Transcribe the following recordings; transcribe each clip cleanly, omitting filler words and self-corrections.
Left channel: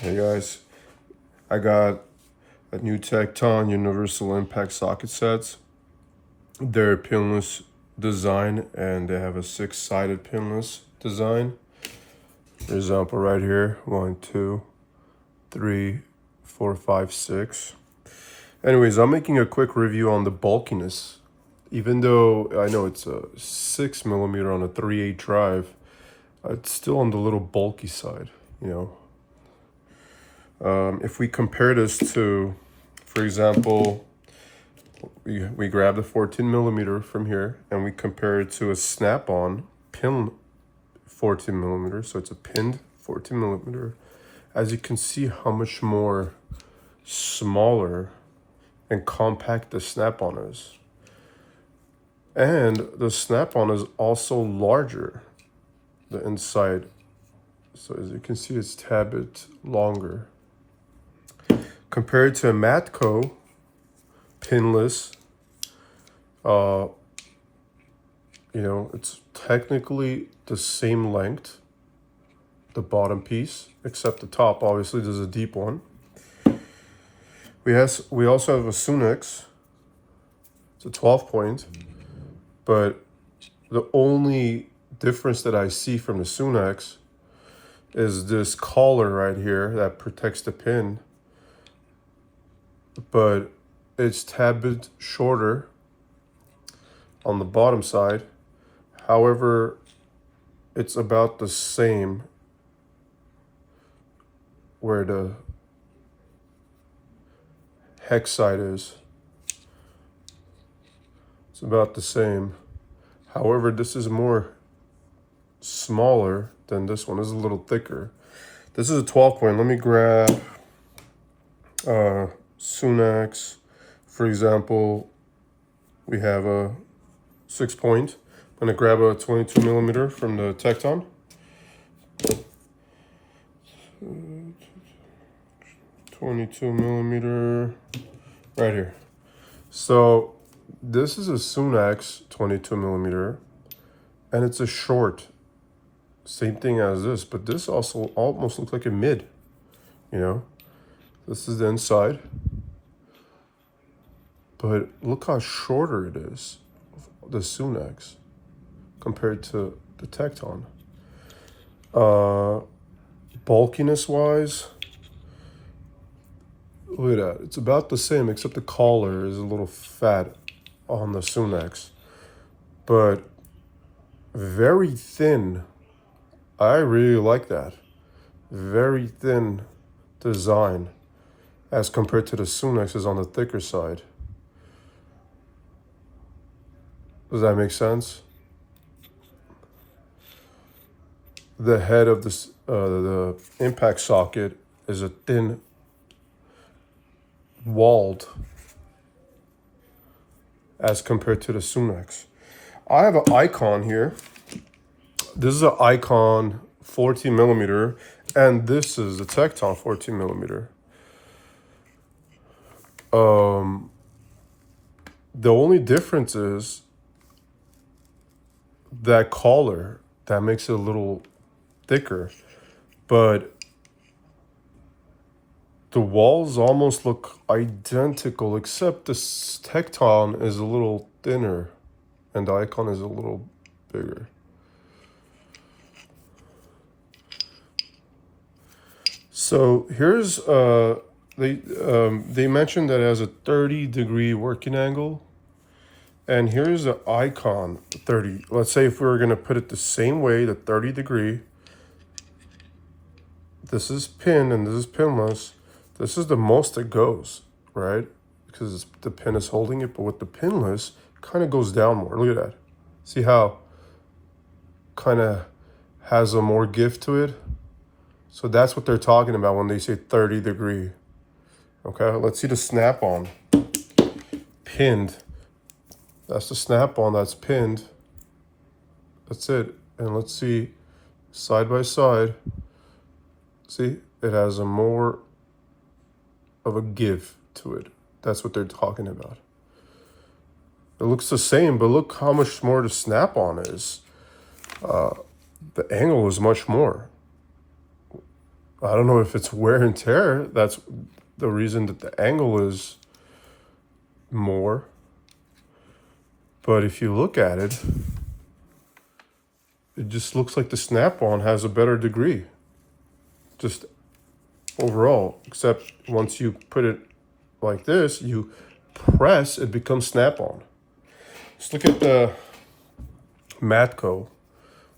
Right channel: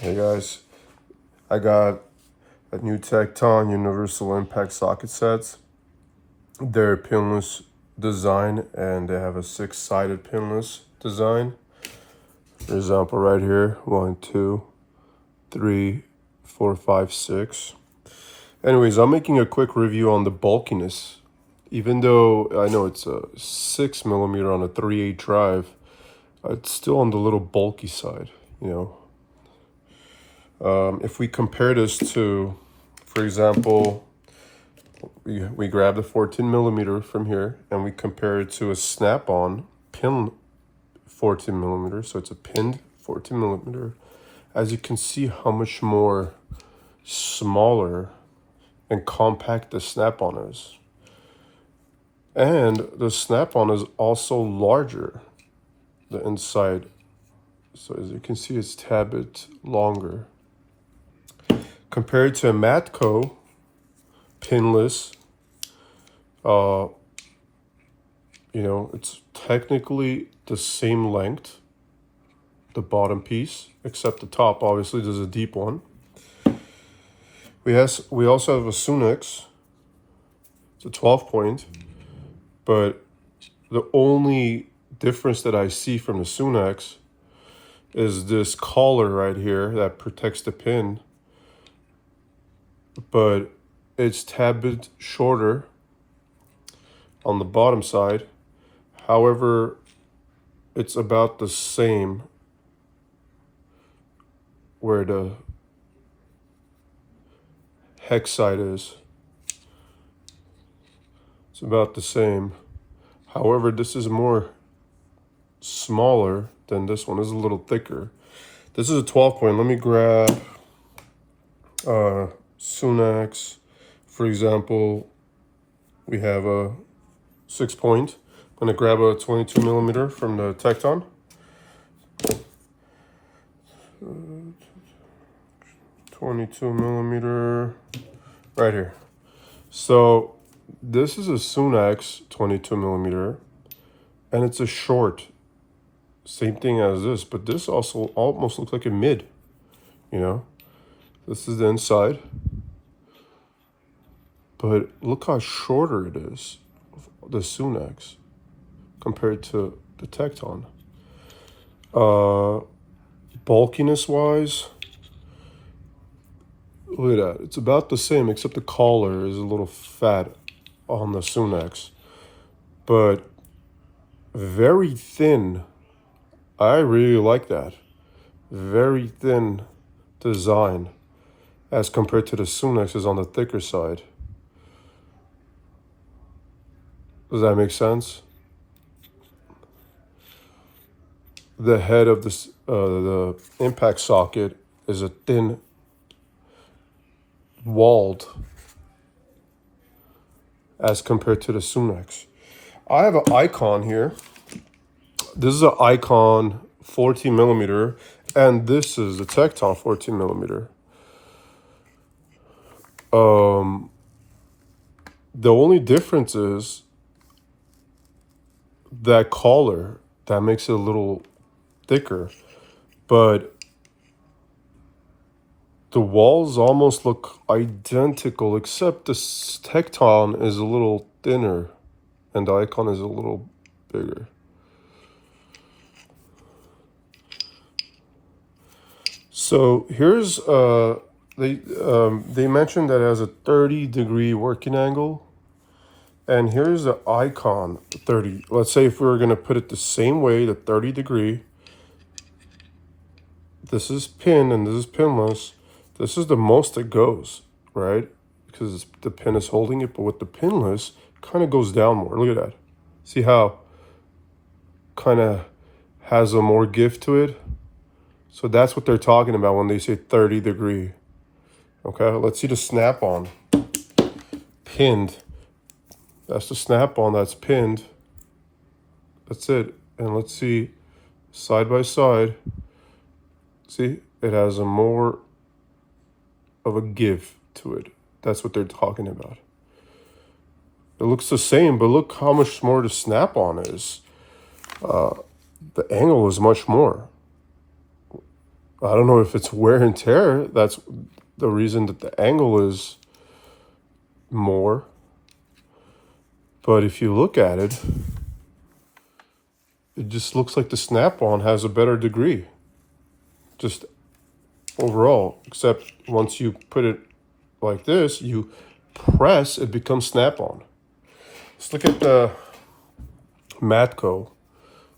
Hey guys, I got a new Tekton universal impact socket sets. They're pinless design and they have a 6-sided pinless design. For example, right here, 1, 2, 3, 4, 5, 6. Anyways, I'm making a quick review on the bulkiness. Even though I know it's a 6mm on a 3/8 drive, it's still on the little bulky side, you know. If we compare this to, for example, we grab the 14mm from here and we compare it to a snap-on pin 14mm, so it's a pinned 14mm. As you can see how much more smaller and compact the snap-on is. And the snap-on is also larger, the inside. So as you can see, it's a tad bit longer. Compared to a Matco pinless, you know, it's technically the same length, the bottom piece, except the top. Obviously, there's a deep one. We also have a Sunex. It's a 12-point, but the only difference that I see from the Sunex is this collar right here that protects the pin, but it's a tad bit shorter on the bottom side. However, it's about the same where the hex side is. It's about the same. However, this is more smaller than this one. This is a little thicker. This is a 12-point. Let me grab Sunex. For example, we have a 6-point. I'm gonna grab a 22mm from the Tekton. 22mm right here. So this is a Sunex 22mm, and it's a short. Same thing as this, but this also almost looks like a mid, you know. This is the inside, but look how shorter it is, the Sunex, compared to the Tekton. Bulkiness wise, look at that. It's about the same, except the collar is a little fat on the Sunex, but very thin. I really like that. Very thin design as compared to the Sunex is on the thicker side. Does that make sense? The head of this, the impact socket is a thin walled as compared to the Sunex. I have an Icon here. This is an Icon 14mm, and this is the Tekton 14mm. The only difference is that collar that makes it a little thicker, but the walls almost look identical, except the Tekton is a little thinner and the Icon is a little bigger. So here's they mentioned that it has a 30-degree working angle, and here's the Icon 30. Let's say if we were gonna put it the same way, the 30-degree. This is pin and this is pinless. This is the most it goes, right? Because the pin is holding it, but with the pinless, it kind of goes down more. Look at that. See how kind of has a more give to it? So that's what they're talking about when they say 30-degree. Okay, let's see the snap-on. Pinned. That's the snap-on that's pinned. That's it. And let's see, side by side. See, it has a more of a give to it. That's what they're talking about. It looks the same, but look how much more the snap-on is. The angle is much more. I don't know if it's wear and tear. That's the reason that the angle is more. But if you look at it, it just looks like the snap-on has a better degree. Just overall, except once you put it like this, you press, it becomes snap-on. Let's look at the Matco.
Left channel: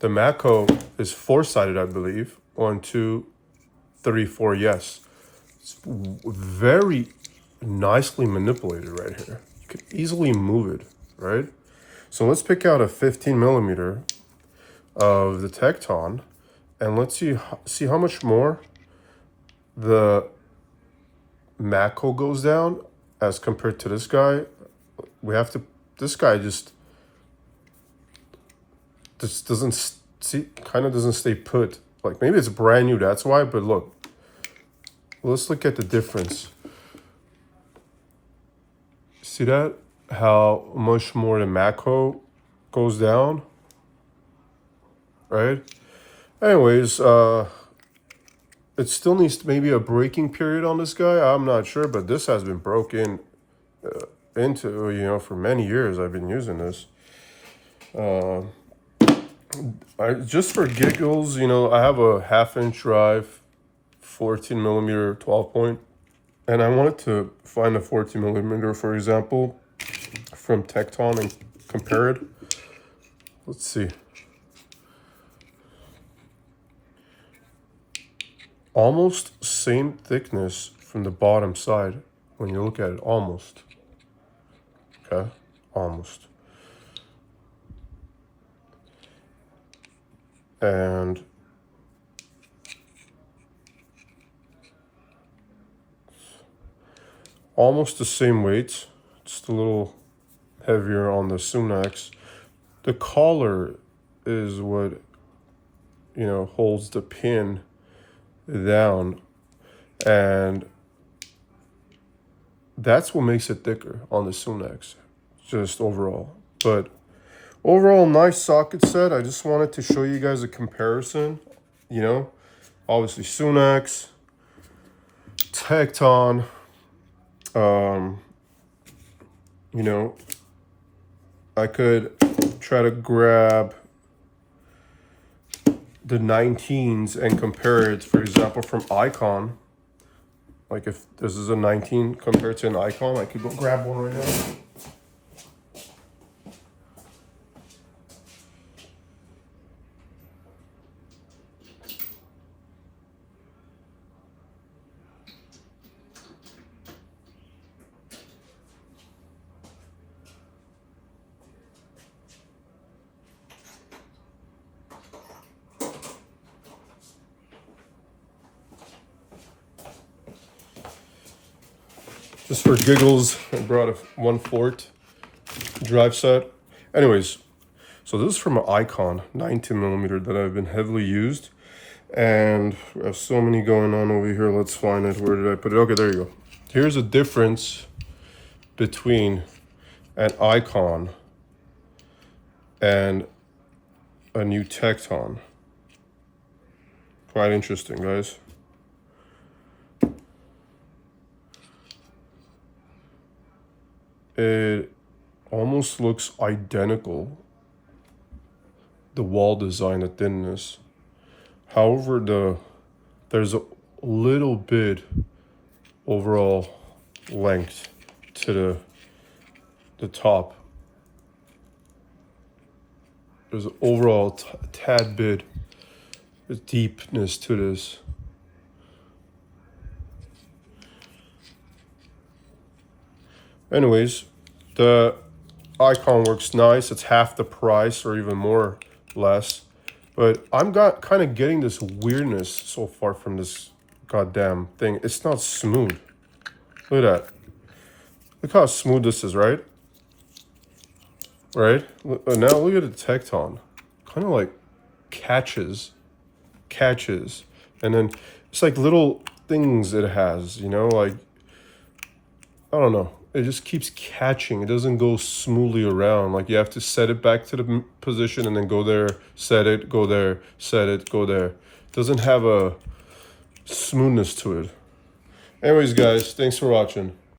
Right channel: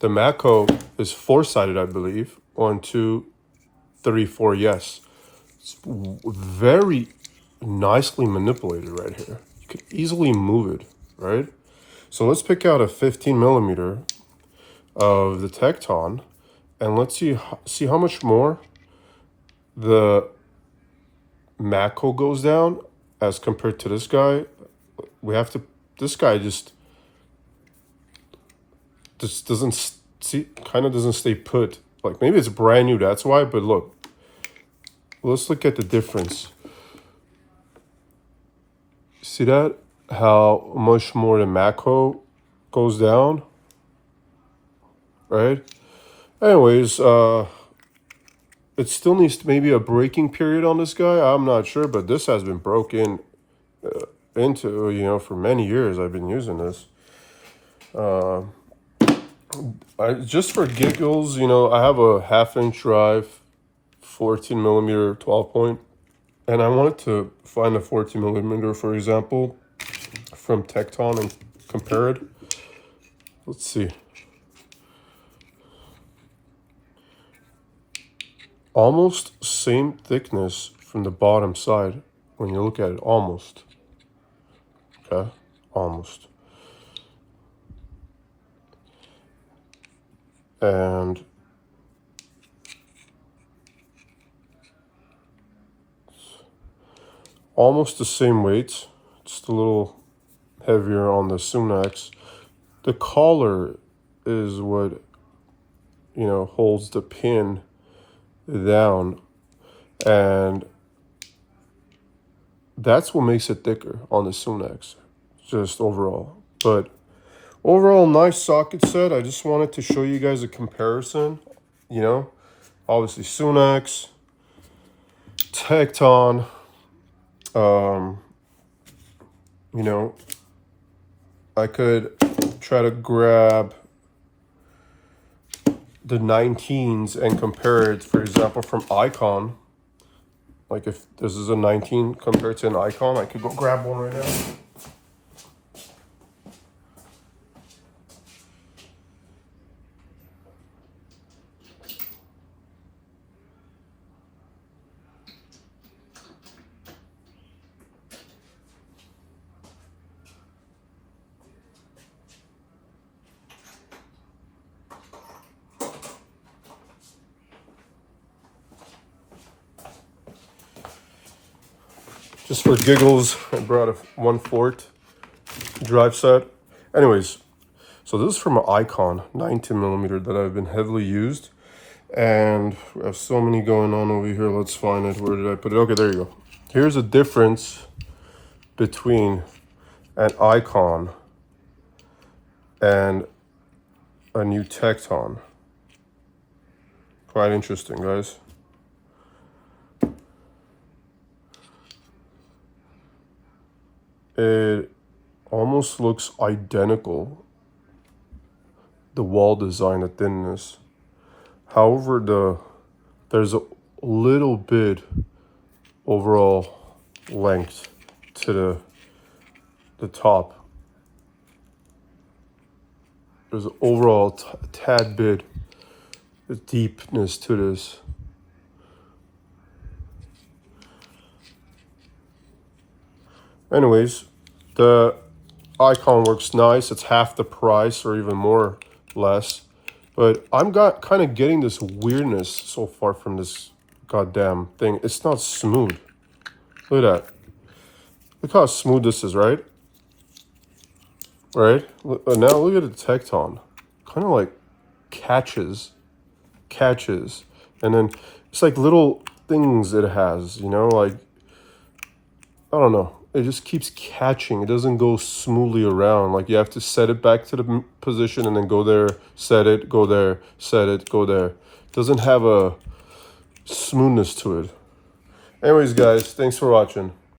The Matco is four-sided, I believe. 1, 2, 3, 4, yes. It's very nicely manipulated right here. You could easily move it, right? So let's pick out a 15 millimeter of the Tekton, and let's see how much more the Matco goes down as compared to this guy. We have to, this guy just doesn't see, kind of doesn't stay put. Like maybe it's brand new, that's why, but look, let's look at the difference. See that? How much more the Matco goes down, right? Anyways, it still needs maybe a braking period on this guy. I'm not sure, but this has been broken into, you know, for many years. I've been using this. Just for giggles, you know, I have a 1/2 inch drive, 14 millimeter 12 point, and I wanted to find a 14 millimeter, for example, from Tekton and compare it. Let's see. Almost same thickness from the bottom side when you look at it, almost. Okay, almost. And almost the same weight, just a little heavier on the Sunex. The collar is what, you know, holds the pin down, and that's what makes it thicker on the Sunex, just overall. But overall, nice socket set. I just wanted to show you guys a comparison, you know, obviously Sunex, Tekton, you know, I could try to grab the 19s and compare it, for example, from Icon. Like if this is a 19 compared to an Icon, I could go grab one right now. Just for giggles, I brought a 1/4 drive set. Anyways, so this is from an Icon 19 millimeter that I've been heavily used. And we have so many going on over here. Let's find it. Where did I put it? Okay, there you go. Here's a difference between an Icon and a new Tekton. Quite interesting, guys. It almost looks identical, the wall design, the thinness. However, there's a little bit overall length to the top. There's an overall tad bit of deepness to this. Anyways, the Icon works nice. It's half the price or even more less. But I'm kind of getting this weirdness so far from this goddamn thing. It's not smooth. Look at that. Look how smooth this is, right? Right? Now look at the Tekton. Kind of like catches. And then it's like little things it has, you know, like, I don't know. It just keeps catching. It doesn't go smoothly around. Like you have to set it back to the position and then go there, set it, go there, set it, go there. It doesn't have a smoothness to it. Anyways, guys, thanks for watching.